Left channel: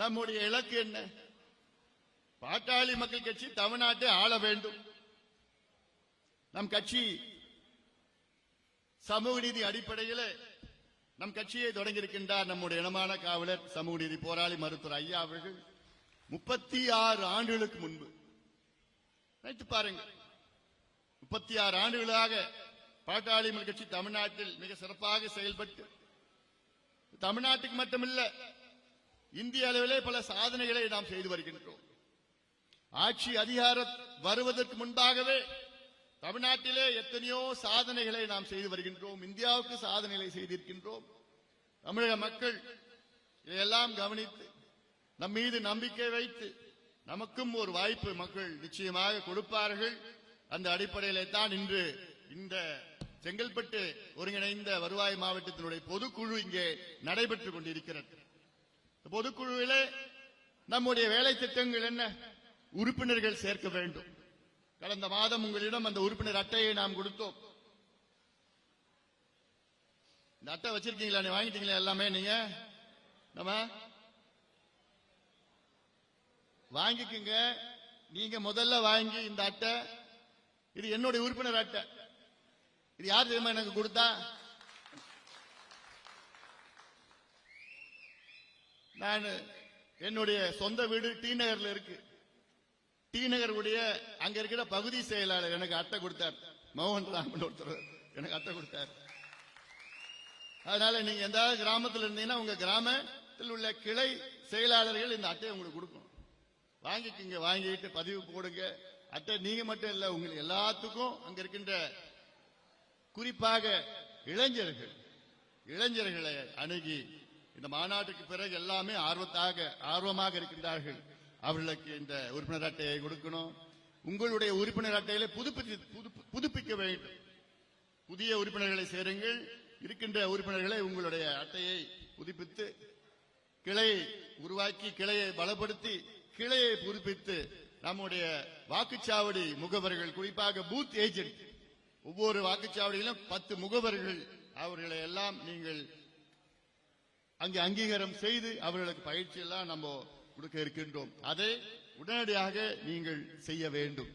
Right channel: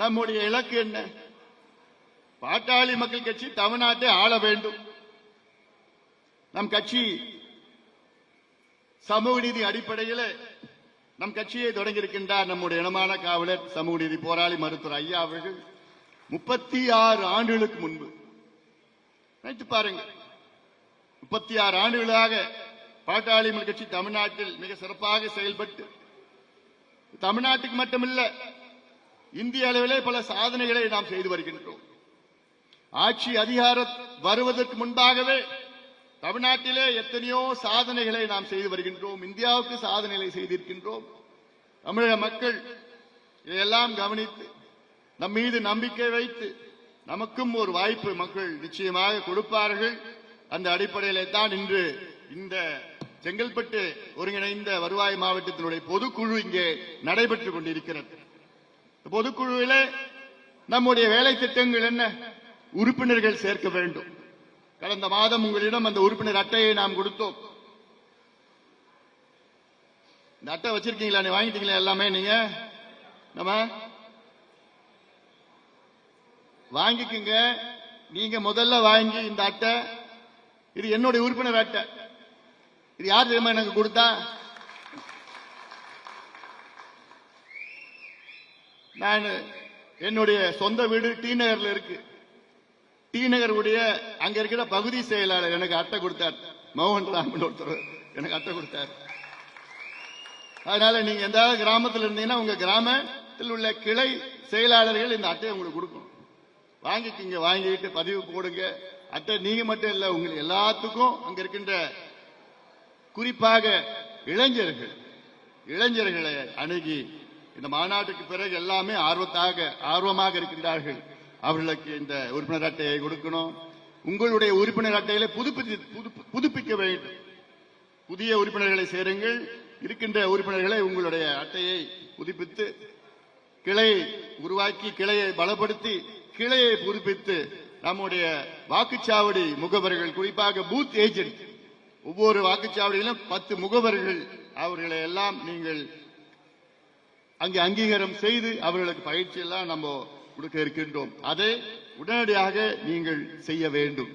நம்முடைய இலக்கு என்ன? பாட்டாளி மக்கள் கட்சி தமிழ்நாட்டை ஆள வேண்டும். நம் கட்சி சமூக நீதி அடிப்படையில் நம் கட்சியை தொடங்கியிருக்கின்றார் நம்முடைய இனமான காவலர் சமூக நீதி போராளி மருத்துவர் ஐயா அவர்கள் 36 ஆண்டுகளுக்கு முன்பு. நினைத்து பாருங்க, 36 ஆண்டுகளாக பாட்டாளி மக்கள் கட்சி தமிழ்நாட்டில் மிக சிறப்பாக செயல்பட்டு தமிழ்நாட்டுக்கு மட்டுமில்ல இந்திய அளவிலே பல சாதனைகளை நாம் செய்து வருகின்றோம். ஆட்சி அதிகாரம் வருவதற்கு முன்பாகவே தமிழ்நாட்டிலே எத்தனையோ சாதனைகளை நாம் செய்து வருகின்றோம். இந்தியாவுக்கு சாதனைகளை செய்திருக்கின்றோம். தமிழக மக்கள் இதையெல்லாம் கவனித்து நம் மீது நம்பிக்கை வைத்து நமக்கும் ஒரு வாய்ப்பு மக்கள் நிச்சயமாக கொடுப்பார்கள். அந்த அடிப்படையிலே தான் இன்று இந்த செங்கல்பட்டு ஒருங்கிணைந்த வருவாய் மாவட்டத்தினுடைய பொதுக்குழு இங்கே நடைபெற்றுக் கொண்டிருக்கிறது. பொதுக்குழுவிலே நம்முடைய வேலை திட்டங்கள் என்ன? உறுப்பினர்கள் சேர்க்க வேண்டும். கடந்த மாதம் உங்களிடம் அந்த உறுப்பினர் அட்டையை நாம் கொடுத்தோம். இந்த அட்டை வச்சிருக்கீங்களா? நீ வாங்கிட்டீங்களா? எல்லாமே நீங்க நம்ம வாங்கிக்குங்க. நீங்க முதல்ல வாங்கி இந்த அட்டை, இது என்னுடைய உறுப்பினர் அட்டை. இது யார் தெரியுமா எனக்கு கொடுத்தா? நான் என்னுடைய சொந்த வீடு டி நகர்ல இருக்கு. டி நகருடைய அங்க இருக்கிற பகுதி செயலாளர் எனக்கு அட்டை கொடுத்தார். மோகன் ராமன் ஒருத்தர் எனக்கு அட்டை கொடுத்தார். அதனால நீங்க எந்த கிராமத்தில் இருந்தீங்கன்னா உங்க கிராமத்தில் உள்ள கிளை செயலாளர்கள் இந்த அட்டையை உங்களுக்கு கொடுக்கணும். வாங்கிக்கிங்க, வாங்கிட்டு பதிவு போடுங்க. அட்டை நீங்க மட்டும் இல்ல, உங்களுக்கு எல்லாத்துக்கும் அங்க இருக்கின்ற குறிப்பாக இளைஞர்களை அணுகி இந்த மாநாட்டுக்கு பிறகு எல்லாமே ஆர்வமாக இருக்கின்றார்கள். அவர்களுக்கு இந்த உறுப்பினர் அட்டையை கொடுக்கணும். உங்களுடைய உறுப்பினர் அட்டையில புதுப்பிக்க வேண்டும். புதிய உறுப்பினர்களை சேருங்கள். இருக்கின்ற உறுப்பினர்களை உங்களுடைய அட்டையை புதுப்பித்து கிளையை உருவாக்கி கிளையை பலப்படுத்தி கிளையை புதுப்பித்து நம்முடைய வாக்குச்சாவடி முகவர்கள், குறிப்பாக பூத் ஏஜென்ட், ஒவ்வொரு வாக்குச்சாவடியிலும் 10 முகவர்கள், அவர்களை எல்லாம் நீங்கள் அங்கே அங்கீகாரம் செய்து அவர்களுக்கு பயிற்சி எல்லாம் நம்ம கொடுக்க இருக்கின்றோம். அதை உடனடியாக நீங்கள் செய்ய வேண்டும்.